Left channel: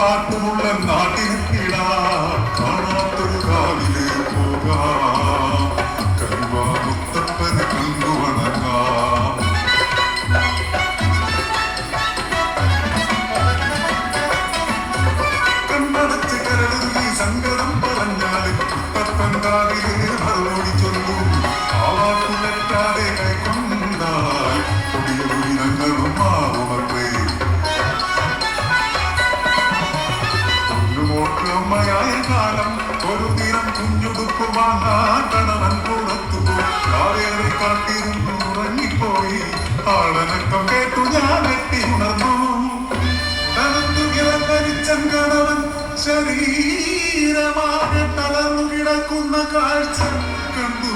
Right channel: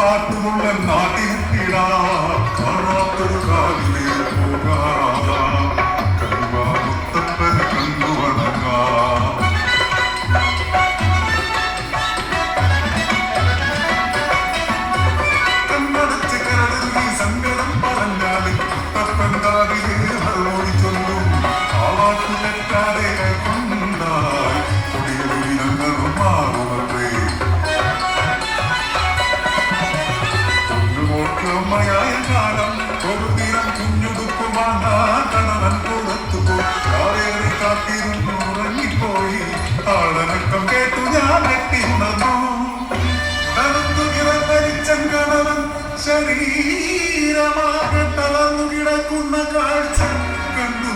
പാട്ടുമുള്ള നാട്ടിനിടാ കാണാത്തൊരു കാലിലെ പോകാം കരുവാമുത്തപ്പനെ കണ്ടു വണങ്ങാം കണ്ണടച്ച് കരടുങ്ങി സങ്കടം പറഞ്ഞാലും ഇപ്പക്കണ്ടാവിലെ മറുപടി ചൊല്ലും ആ വാക്കുലറ്റാതെ കൊണ്ടാൽ കൊടിയൊരു ഞങ്ങളും മാറുമട്ടെ ായ കാലം ഒരു ദിനം കുഞ്ഞുടുക്കുവാണവൻ കൊടുത്തുപോയി കാത്തിരുന്നു ഉറങ്ങിപ്പോയി ആളനക്കം കേട്ടു ഞാൻ കെട്ടിയുണർന്നു തണുത്തു കിടന്നരിച്ചങ്കണവൻ ശരീരമാകെ തളർന്നു കിടക്കുന്ന കാഴ്ച കണ്ടു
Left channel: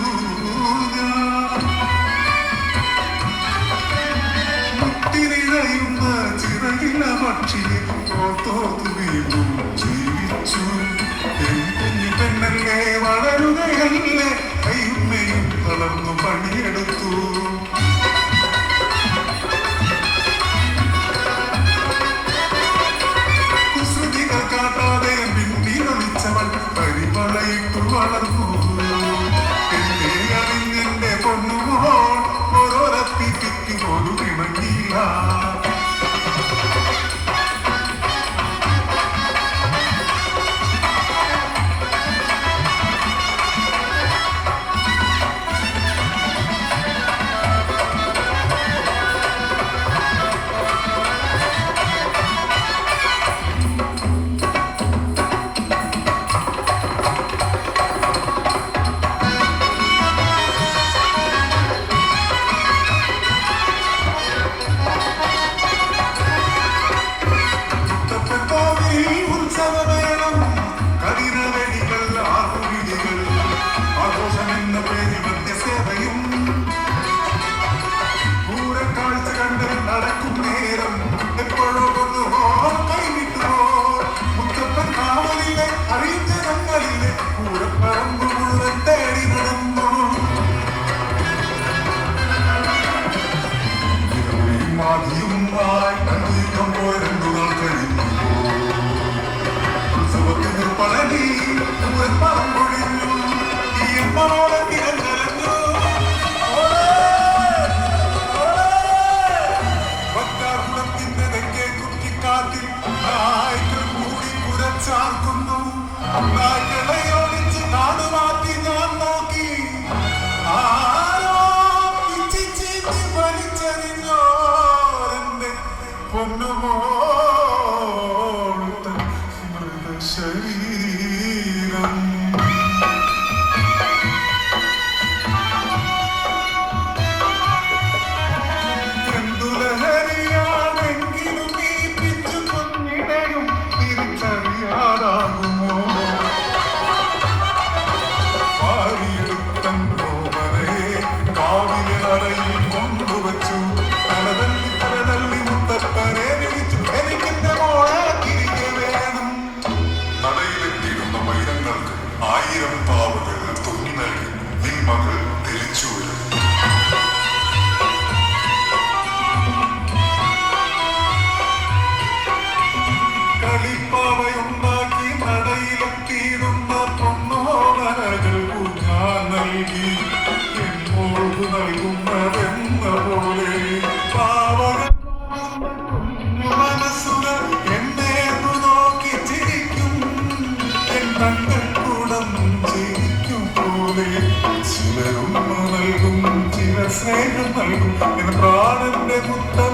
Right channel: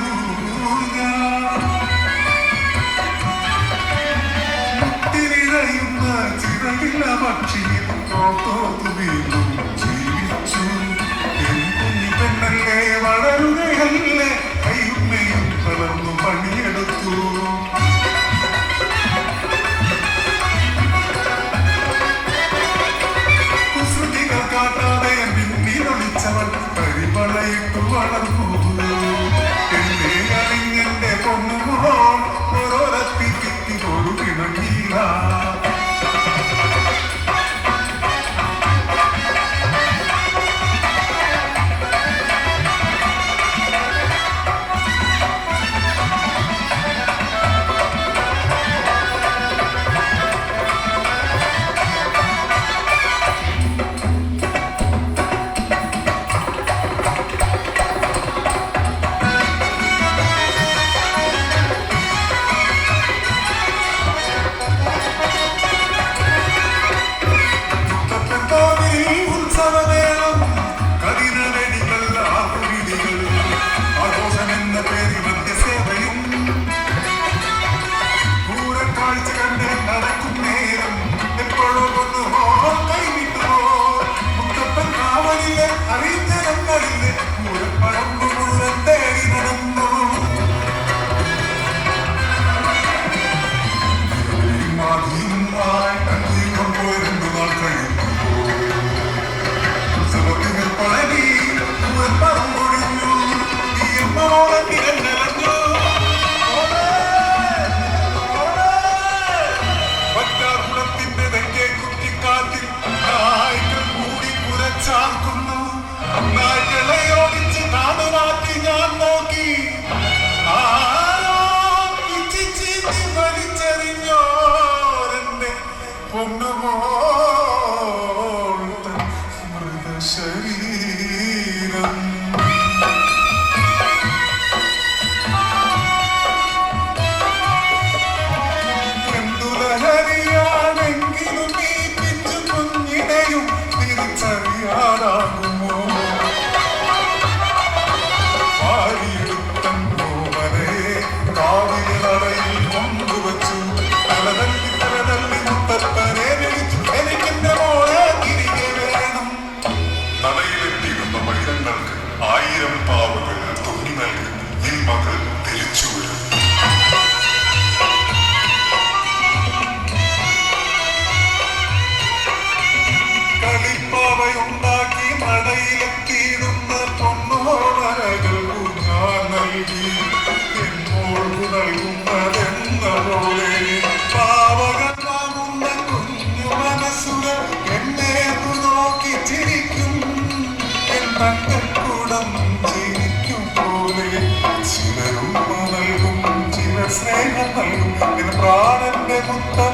മുത്തിനിഴയുന്ന ചിറകില്ല പക്ഷിയെ തോർത്തു വീണ്ടും പെണ്ണല്ലേ വളരുകയല്ലേ കൈയുമ്മയും തളർന്നു പണിയെടുത്തു കുസൃതികൾ കാട്ടാതെ മിന്നി വലിച്ചവൾ പരിമളയിട്ടു വളർന്നു എന്നെ അറിഞ്ഞെന്റെ പൊന്നുമോ ഓരോരത്തിക്ക് ഒരു കിണങ്ങില്ല ശരീരം എന്തുലഹരിയാണെങ്കിലും ഈ പിച്ചു കുഞ്ഞിനെയും തിരിച്ചറിയാറാകുമോ പാടിയെടുത്തോ വരെ കാവിലറയിൽ കൊണ്ടുവച്ചു തലതല്ലി തലതല്ലി മുത്തപ്പനെ വിളിച്ചു എനിക്കെന്റെ മോളെ തിരികെ വേണം നടയിലെത്തിയിരുന്ന വൈരങ്ങൾക്ക് 1000 പാവുകൾ തുന്നി നൽകി നിൻ മകൾ തിരിച്ചു വരും കളിപ്പാവയുണ്ടാക്കി നടയിലെത്തിയിരുന്ന പൊന്നോമനകൾ ഞാൻ നൽകി എന്നോട് നൽകുന്നതെന്ന പോലെ പാവകൾ വാങ്ങുന്ന കുഞ്ഞു മനസ്സുകൾ എന്നെ നോക്കി ചിരിക്കും എന്നൂടം ചിരിക്കും പോലെ ചിലരും നൽകും ചില സ്നേഹം നൽകും എന്ന പ്രാണന്റെ മുത്തം